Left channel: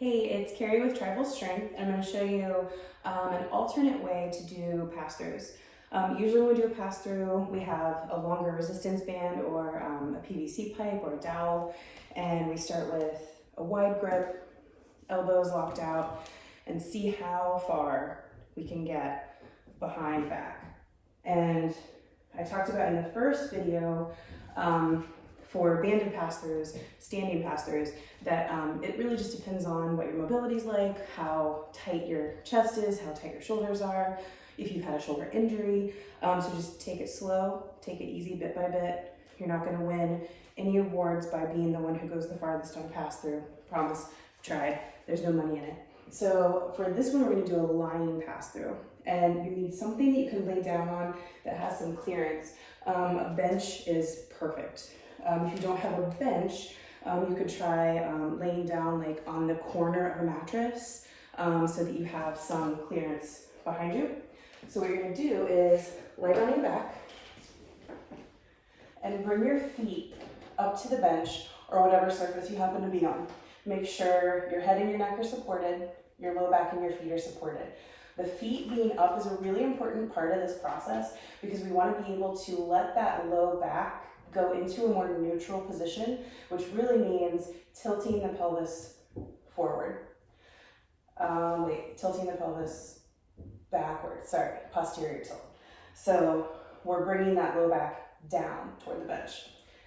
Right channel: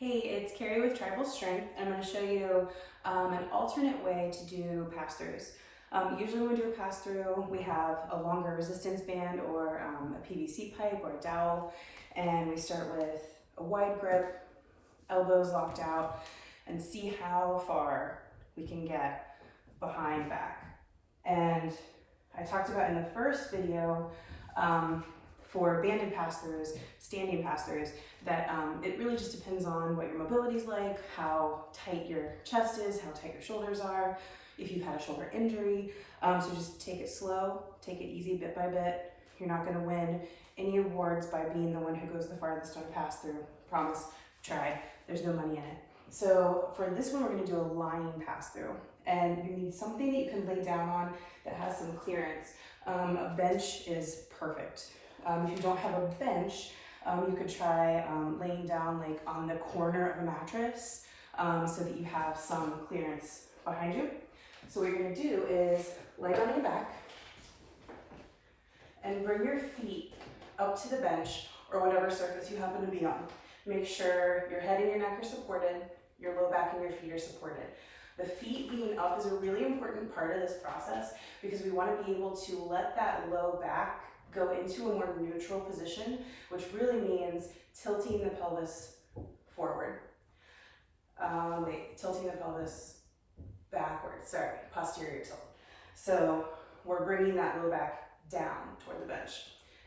Hey, it's Carrie with Tribal Strength, and I'm going to show you an alternate way to do pass-throughs. Usually when we do a pass-through, we have a longer resistance band or a PVC pipe or a dowel, and we start with a wide grip, elbows locked out, and see how far we can get behind back. And I talked about in the first video for banded pass-throughs, standing pass-throughs, that it really just depends on what your mobility is like, how tight your chest is, how tight your shoulders are, if you've had a shoulder injury. So just take it slow, take it easy bit by bit. You're not gonna win any awards by being the one who goes the farthest on a pass-through. Promise, tried, there's no money in it. So for this one, we're gonna do a lying pass-through. And you need something that you can lay down on that has some clearance. A bench is perfect. If you don't have a bench, you could try laying down like on the corner of a mattress so that you have some clearance behind you. So what you're gonna do is lay on your back and bring your feet up to the bench or whatever surface you happen to be on. Make sure your head and your neck are supported, your low back and your feet are supported. The feet being up is a really important part of this process because we want to be able to let that low back go into a more neutral position, which really means tilting the pelvis forward. Tilting the pelvis backwards, sorry, posterior tilt. So we're bringing that low back down toward the bench.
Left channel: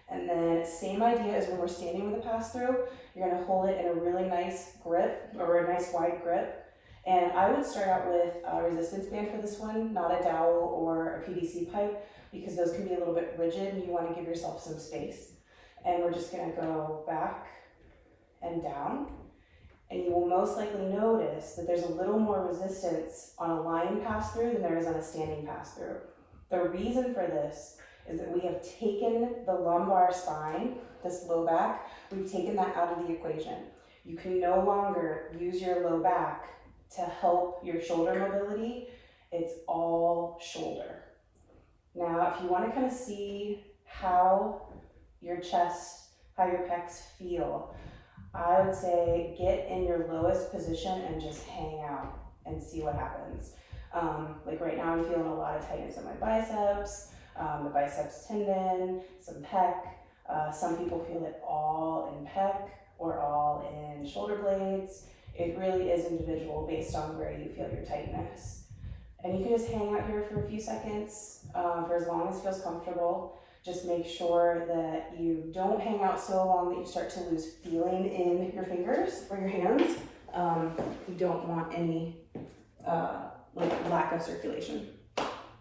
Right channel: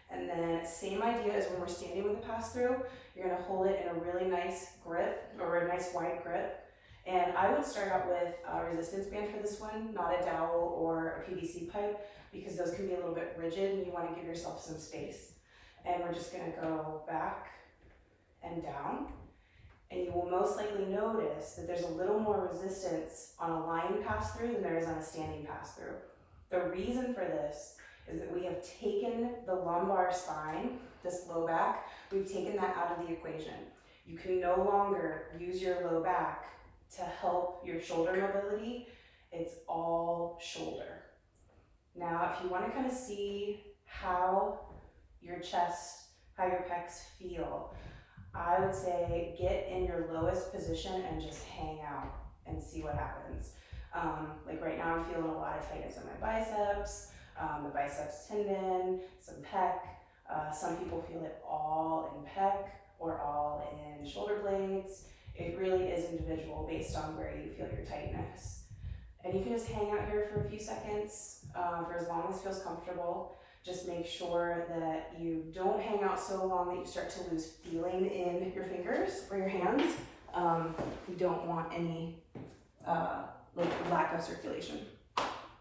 And then same idea as when we're standing with a pass-through, you're gonna hold it in a really nice grip or a nice wide grip. And I would start out with a resistance band for this one, not a dowel or a PVC pipe, because those can be a little bit rigid and you want to give yourself some space. And we're just going to go back and down. And you will most likely notice that there's a little more resistance on a lying pass-through than there is on a standing pass-through. The reason for this is that we have taken the lumbar spine, this low back, we've taken that out of the equation. You can no longer use your low back to help your shoulder mobility. It's all shoulder. Now, if you want to kind of see how your chest, how your pecs feel, I would say get in your lowest position and just hang out and see what happens. Like right now, I'm feeling a lot of tightness in my biceps, the biceps tendon, some pec. Some people feel it all in pec or all in shoulder blades. It really is individual based on where you feel your tightness. And you can just hang out here for a few seconds for as long as it feels comfortable. Just make sure that you don't hang out so long that you start to lose feeling in your fingers or your hands. You don't want any like lack of circulation.